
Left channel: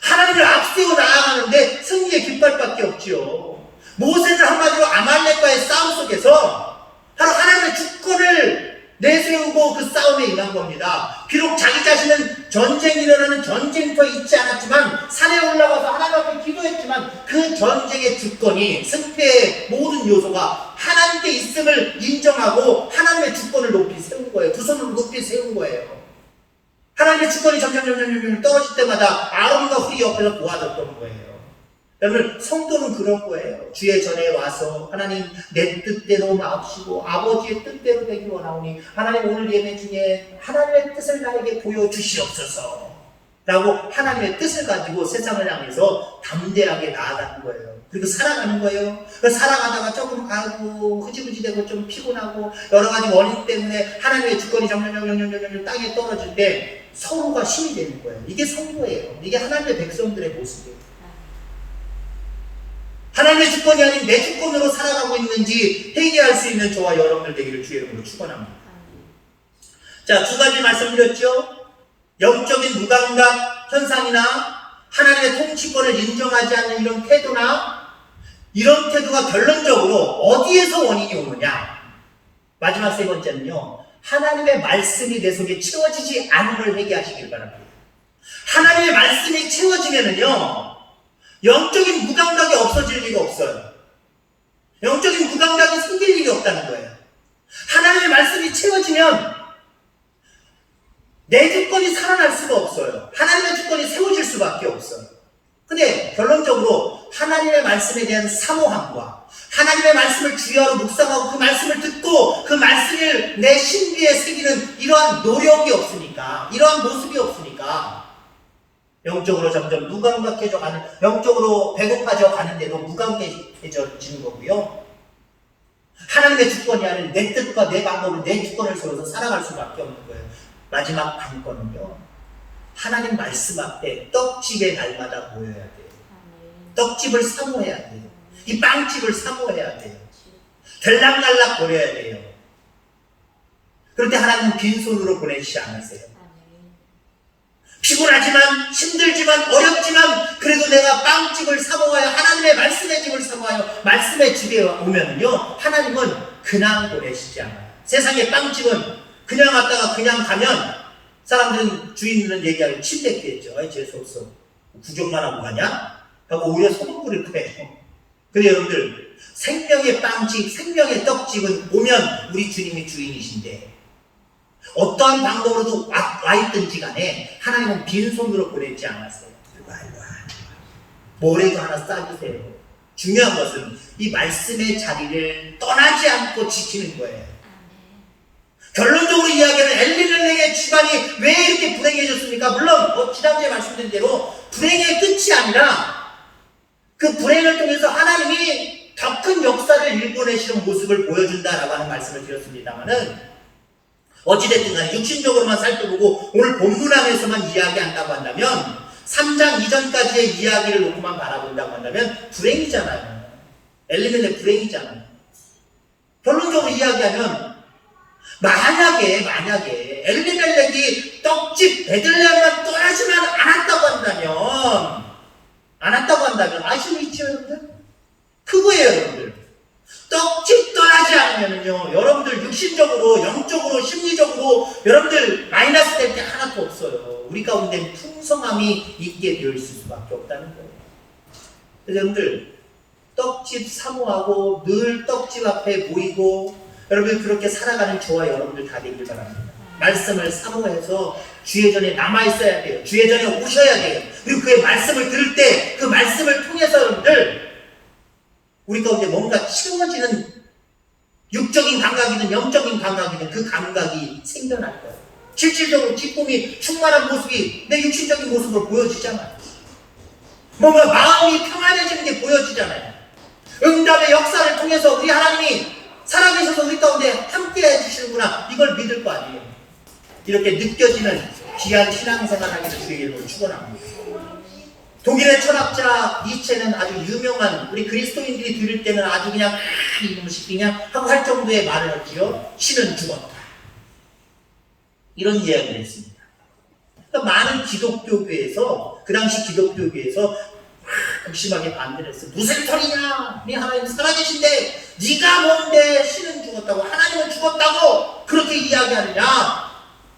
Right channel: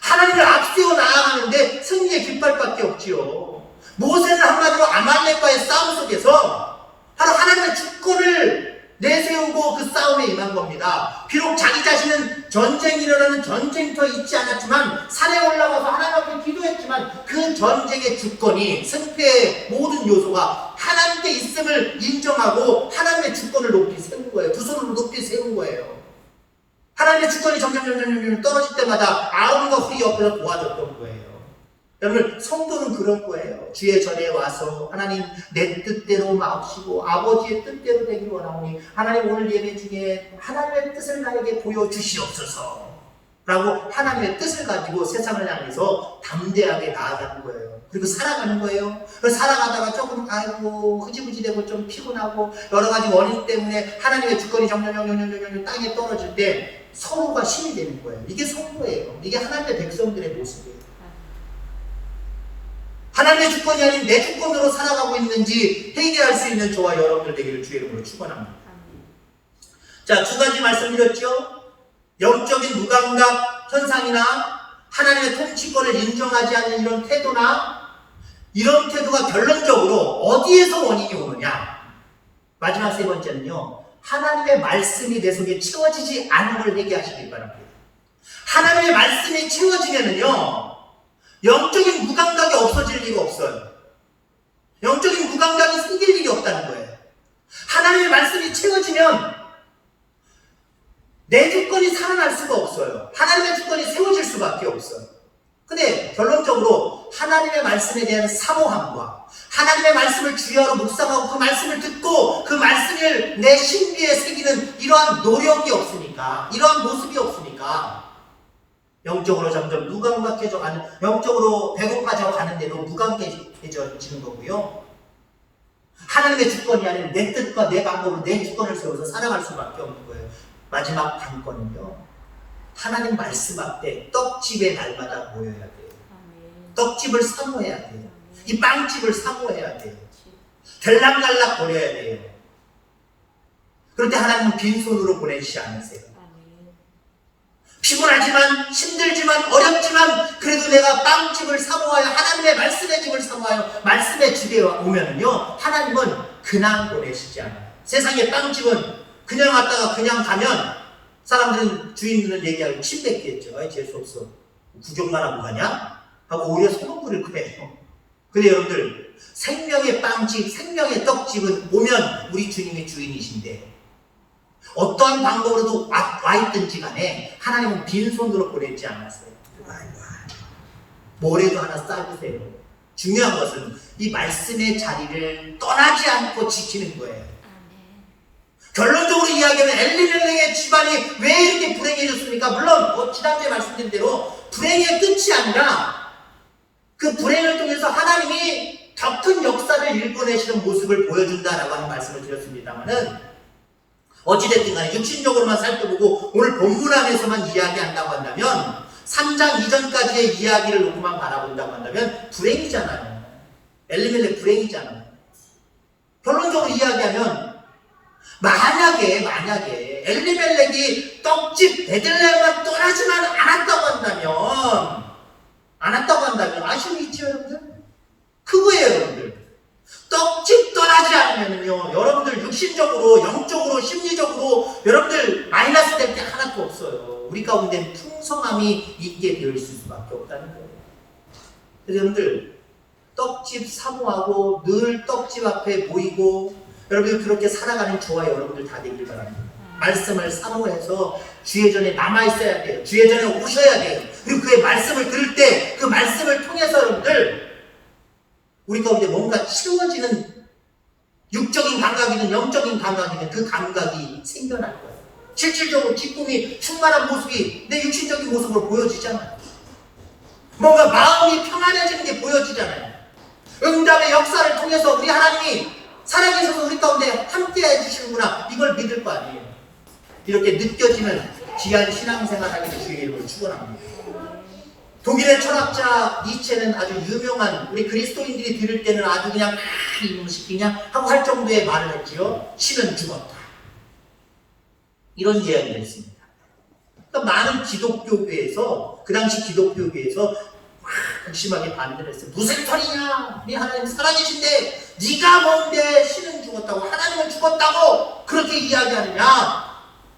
하나님을 앞세워 나아가는데 승리의 깃발밖에 없지요. 모세는 한마디로 아말렉과의 싸움 속에서 바로 하나님의 주권을 내세우고 그 싸움에 임한 겁니다. 비록 자기 자신은 전쟁이 일어나는 전쟁터에 있지 않았지만 산에 올라가서 하나님 앞에 기도했지만 그 전쟁의 주권이 승패의 모든 요소가 하나님께 있음을 인정하고 하나님의 주권을 높이 세운 거예요. 두 손을 높이 세운 거예요. 하나님의 주권이 점점 떨어질 때마다 아론과 후리 옆에서 도와줬던 거예요. 여러분 성도는 그런 거예요. 주의 전에 와서 하나님 내 뜻대로 마옵시고 아버지의 뜻대로 되기 원하오니 하나님 오늘 예배 중에 하나님의 뜻을 나에게 보여주시옵소서 라고 하나님의 뜻을 가지고 세상을 향해서 담대하게 나아가는 거예요. 그리고 살아가는 거예요. 살아가다가 조금 흐지부지 되고 좀 피곤하고 여러 가지 원인 때문에 하나님의 주권이 점점 땅에 떨어질 때 서로가 힘이 되는 거예요. 이게 성도예요. 이게 하나님의 백성들의 모습이에요. 하나님의 주권이 아닌 내 주권으로 살아가고 있는지 회개할 수 있는 저와 여러분들 되기를 주의 이름으로 축원합니다. 자, 두 가지 말씀드렸죠. 영적인 무감각 현상이나 하나님의 통치권을 인정하지 않는 이런 태도나 이런 태도가 결론적으로 어디에서 원인이 오느냐. 마지막 세 번째는요. 하나님의 말씀이 내 속에 채워지지 않은 걸 회개하시길 바랍니다. 하나님의 말씀이 채워지면은요. 영적인 무감각이 없어질 리가 없어요. 영적인 무감각이 생길 일이 없다는 거예요. 하나님의 말씀이 채워지면 내 주권이 살아날 수가 없어요. 하나님의 주권이 세워질 수밖에 없어요. 근데 결론적으로 하나님의 말씀에 대한 사모함과 하나님의 말씀을 주야로 묵상하고 그 말씀을 듣고 그 말씀을 내 신비에 새기는 이러한 노력이 없으니까, 이러한 모습이 없으니까 영적으로 점점 무감각해져 가는, 영적으로 배고파져 가는데도 무감각해지는 거고요. 하나님의 주권이 아닌 내 뜻과 내 방법으로 내 주권을 세워서 살아갈 수밖에 없는 거예요. 마지막 관건은요, 하나님 말씀 앞에 떡집의 날마다 모여야 돼요. 떡집을 사모해야 돼요. 이 빵집을 사모해야 돼요. 들락날락 거려야 돼요. 그런데 하나님은 빈손으로 보내시지 않으세요. 피곤하지만, 힘들지만, 어렵지만 그래도 내가 빵집을 사모하여 하나님의 말씀의 집을 사모하여 말씀의 집에 오면요, 하나님은 그냥 보내시지 않아요. 세상의 빵집은 그냥 왔다가 그냥 가면 사람들은 주인들은 얘기하고 침뱉겠죠. 아이 재수없어, 구경만 하고 가냐? 하고 오히려 소금 뿌릴 거예요. 근데 여러분들, 생명의 빵집, 생명의 떡집은 오면 우리 주님이 주인이신데 어떠한 방법으로도 와 있든지 간에 하나님은 빈손으로 보내지 않았어요. 뭐라도 하나 싸주세요. 중요한 것은 이 말씀의 자리를 떠나지 않고 지키는 거예요. 결론적으로 이야기하는 엘리멜렉의 집안이 왜 이렇게 불행해졌습니까? 물론 지난주에 말씀드린 대로 불행의 끝이 아니라 그 불행을 통해서 하나님이 더 큰 역사를 일궈내시는 모습을 보여준다라고 하는 말씀을 드렸습니다만은, 어찌됐든 간에 육신적으로만 살펴보고 오늘 본문 안에서만 이야기한다고 한다면, 3장 이전까지의 이야기를 놓고만 바라본다고 한다면 불행이잖아요. 엘리멜렉 불행이잖아요. 결론적으로 이야기하면 만약에 엘리멜렉이 떡집 베들레헴만 떠나지만 않았다고 한다면 아시는 있죠, 여러분들? 그거예요, 여러분들. 떡집 떠나지 않으면요, 여러분들 육신적으로, 영적으로, 심리적으로 여러분들 마이너스 될 게 하나도 없어요. 우리 가운데 풍성함이 있게 되어 있을 수밖에 없다는 거예요. 그래서 여러분들, 떡집 사모하고 늘 떡집 앞에 모이고 여러분 그렇게 살아가는 저와 여러분들 다 되길 바랍니다. 말씀을 사모해서 주의 전에 남아있어야 돼요. 주의 전에 오셔야 돼요. 그리고 그의 말씀을 들을 때 그 말씀을 통해서 여러분들 우리 가운데 뭔가 치워지는 육적인 감각이든 영적인 감각이든 그 감각이 생겨날 거예요. 실질적으로 기쁨이 충만한 모습이 내 육신적인 모습으로 보여지잖아요. 뭔가 마음이 평안해지는 게 보여지잖아요. 응답의 역사를 통해서 우리 하나님이 살아계셔서 우리 가운데 함께 해주시는구나, 이걸 믿을 거 아니에요. 이렇게 느껴지는 귀한 신앙생활 하기를 주의 이름으로 축원합니다. 독일의 철학자 니체는 아주 유명한, 우리 그리스도인들이 들을 때는 아주 그냥 이놈을 시키냐 하고 할 정도의 말을 했지요. 신은 죽었다, 이런 이야기를 했습니다. 그러니까 많은 기독교교에서, 그 당시 기독교교에서 극심하게 반대를 했어. 무슨 소리냐, 네 하나님 살아계신데 네가 뭔데 신은 죽었다고, 하나님은 죽었다고 그렇게 이야기하느냐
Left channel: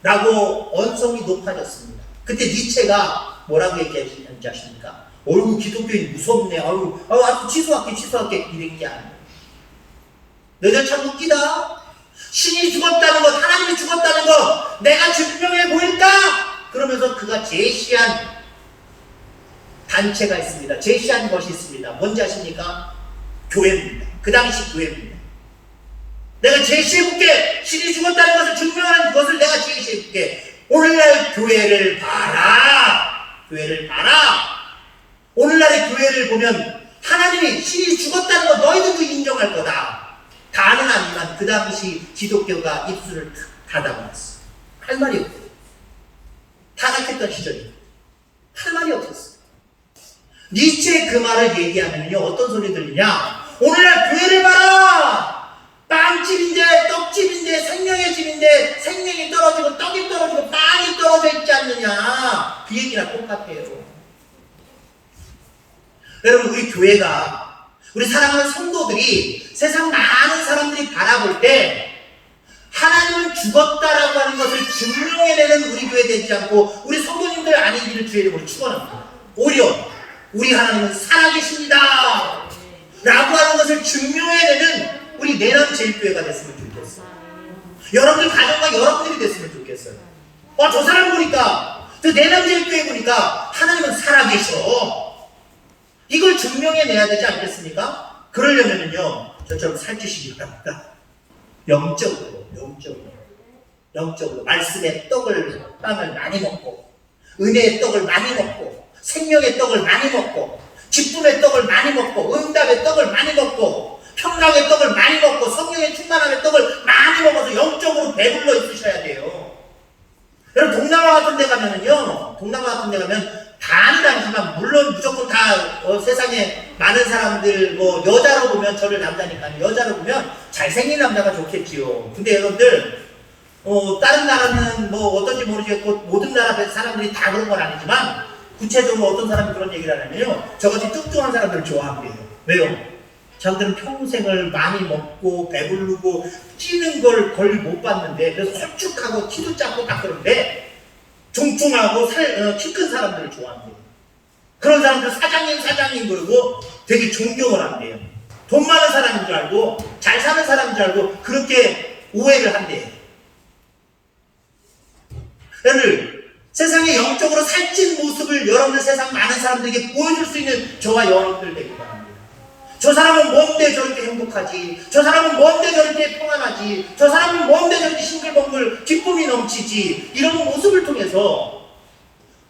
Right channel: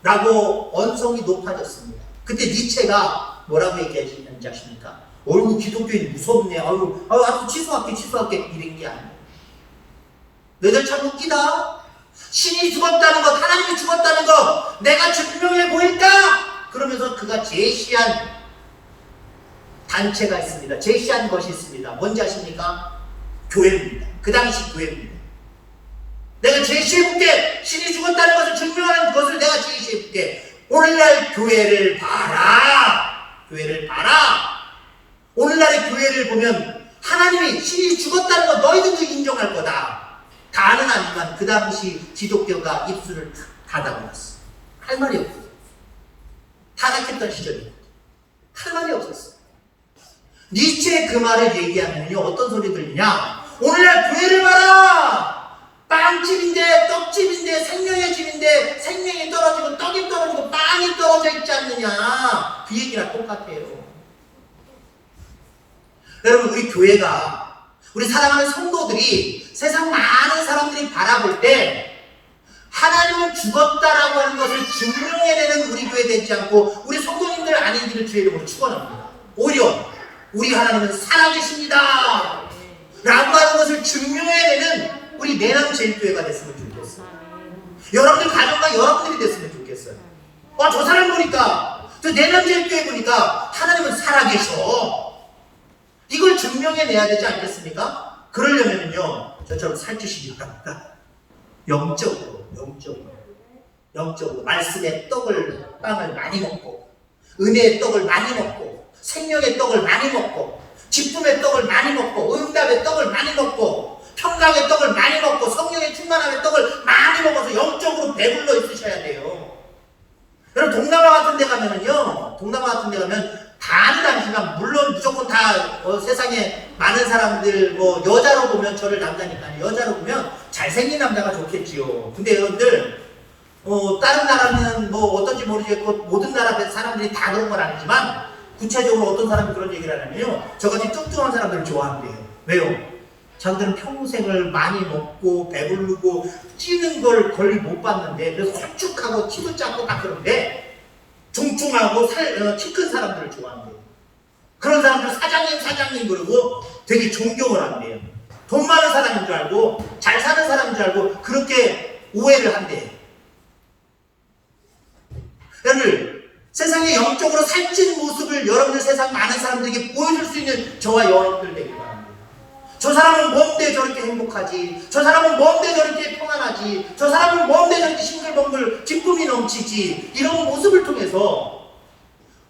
라고 언성이 높아졌습니다. 그때 니체가 뭐라고 얘기했는지 아십니까? 어이구, 기독교인 무섭네, 아유 취소할게 이런 게 아니에요. 너희들 참 웃기다. 신이 죽었다는 것, 하나님이 죽었다는 것 내가 증명해 보일까? 그러면서 그가 제시한 단체가 있습니다. 제시한 것이 있습니다. 뭔지 아십니까? 교회입니다. 그 당시 교회입니다. 내가 제시해볼게. 신이 죽었다는 것을 증명하는 것을 내가 제시해볼게. 오늘날 교회를 봐라. 오늘날의 교회를 보면 하나님이 신이 죽었다는 것 너희들도 인정할 거다. 다는 아니지만 그 당시 기독교가 입술을 닫아버렸어. 할 말이 없어요. 타락했던 시절이에요. 할 말이 없었어요. 니체의 그 말을 얘기하면요, 어떤 소리 들리냐? 오늘날 교회를 봐라! 빵집인데, 떡집인데, 생명의 집인데, 생명이 떨어지고, 떡이 떨어지고, 빵이 떨어져 있지 않느냐? 그 얘기랑 똑같아요. 여러분, 우리 교회가, 우리 사랑하는 성도들이, 세상 많은 사람들이 바라볼 때, 하나님은 죽었다라고 하는 것을 증명해내는 우리 교회 되지 않고, 우리 성도님들 아닌지를 주의 이름으로 축원합니다. 오히려, 우리 하나님은 살아계십니다 라고 하는 것을 증명해내는 우리 내남 제일교회가 됐으면 좋겠어요. 여러분들 가정과 여러분들이 됐으면 좋겠어요. 저 사람 보니까, 저 내남자교회 보니까 하나님은 살아계셔. 이걸 증명해내야 되지 않겠습니까? 그러려면요, 저처럼 살찌시기 바랍니다. 영적으로 말씀의 빵을 많이 먹고, 은혜의 떡을 많이 먹고, 생명의 떡을 많이 먹고, 기쁨의 떡을 많이 먹고, 응답의 떡을 많이 먹고, 평강의 떡을 많이 먹고, 성령의 충만함의 떡을 많이 먹어서 영적으로 배불러 있으셔야 돼요. 여러분, 동남아 같은 데 가면 반은 아니지만, 물론 무조건 다 세상에 많은 사람들, 여자로 보면, 저를 남자니까 여자로 보면 잘생긴 남자가 좋겠지요. 근데 여러분들, 다른 나라는 어떤지 모르겠고, 모든 나라 사람들이 다 그런 건 아니지만, 구체적으로 어떤 사람이 그런 얘기를 하냐면요, 저같이 뚱뚱한 사람들을 좋아한대요. 왜요? 자기들은 평생을 많이 먹고 배부르고 찌는 걸 거의 못 봤는데, 그래서 홀쭉하고 키도 작고 딱 그런데 뚱뚱하고 키 큰 사람들을 좋아한대요. 그런 사람들 사장님 그러고 되게 존경을 한대요. 돈 많은 사람인 줄 알고, 잘 사는 사람인 줄 알고 그렇게 오해를 한대요. 여러분, 세상의 영적으로 살찐 모습을 여러분들 세상 많은 사람들에게 보여줄 수 있는 저와 여러분들 되길 바랍니다. 저 사람은 뭔데 저렇게 행복하지? 저 사람은 뭔데 저렇게 평안하지? 저 사람은 뭔데 저렇게 싱글벙글 기쁨이 넘치지? 이런 모습을 통해서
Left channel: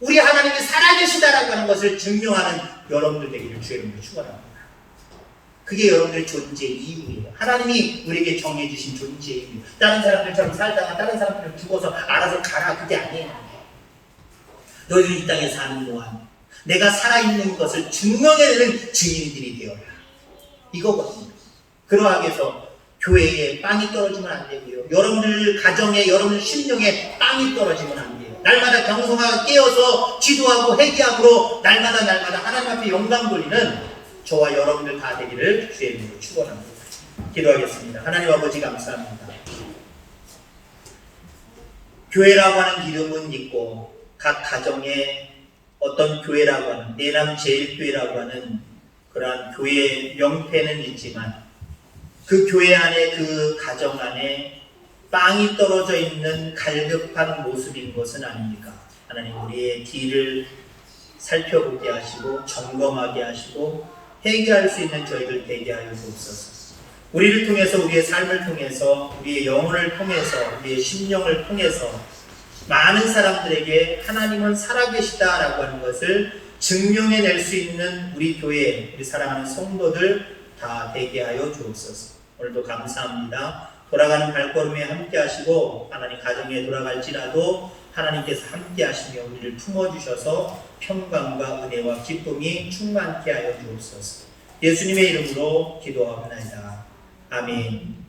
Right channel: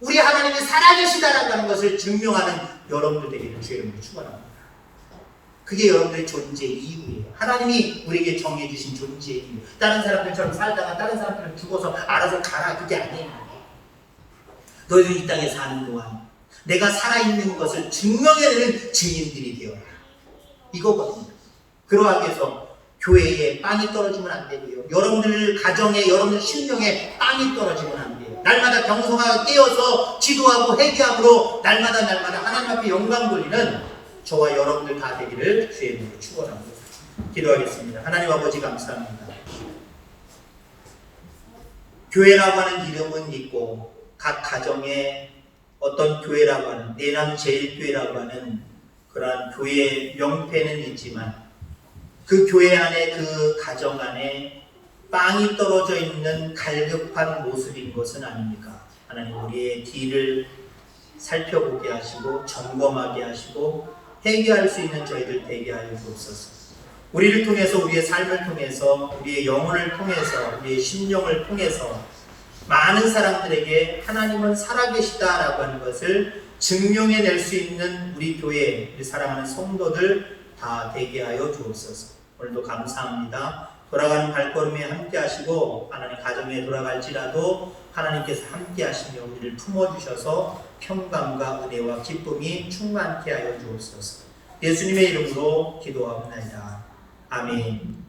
우리 하나님이 살아계시다라고 하는 것을 증명하는 여러분들 되기를 주의 이름으로 축원합니다. 그게 여러분들의 존재 이유예요. 하나님이 우리에게 정해주신 존재 이유. 다른 사람들처럼 살다가 다른 사람들은 죽어서 알아서 가라, 그게 아니에요. 너희들이 이 땅에 사는 동안 내가 살아있는 것을 증명해내는 증인들이 되어라. 이거거든요. 그러하기 위해서 교회에 빵이 떨어지면 안 되고요. 여러분들 가정에, 여러분들 심령에 빵이 떨어지면 안 돼요. 날마다 경성하고 깨어서 기도하고 회개함으로 날마다 하나님 앞에 영광 돌리는 저와 여러분들 다 되기를 주의 이름으로 축원합니다. 기도하겠습니다. 하나님 아버지 감사합니다. 교회라고 하는 이름은 있고, 각 가정에 어떤 교회라고 하는, 내남제일교회라고 하는 그러한 교회의 명패는 있지만, 그 교회 안에, 그 가정 안에 빵이 떨어져 있는 갈급한 모습인 것은 아닙니까? 하나님, 우리의 길을 살펴보게 하시고 점검하게 하시고 회개할 수 있는 저희들 되게 하여 주옵소서. 우리를 통해서, 우리의 삶을 통해서, 우리의 영혼을 통해서, 우리의 심령을 통해서 많은 사람들에게 하나님은 살아계시다라고 하는 것을 증명해낼 수 있는 우리 교회, 우리 사랑하는 성도들 다 되게 하여 주옵소서. 오늘도 감사합니다. 돌아가는 발걸음에 함께 하시고, 하나님 가정에 돌아갈지라도 하나님께서 함께 하시며 우리를 품어주셔서 평강과 은혜와 기쁨이 충만케 하여 주옵소서. 예수님의 이름으로 기도하옵나이다. 아멘.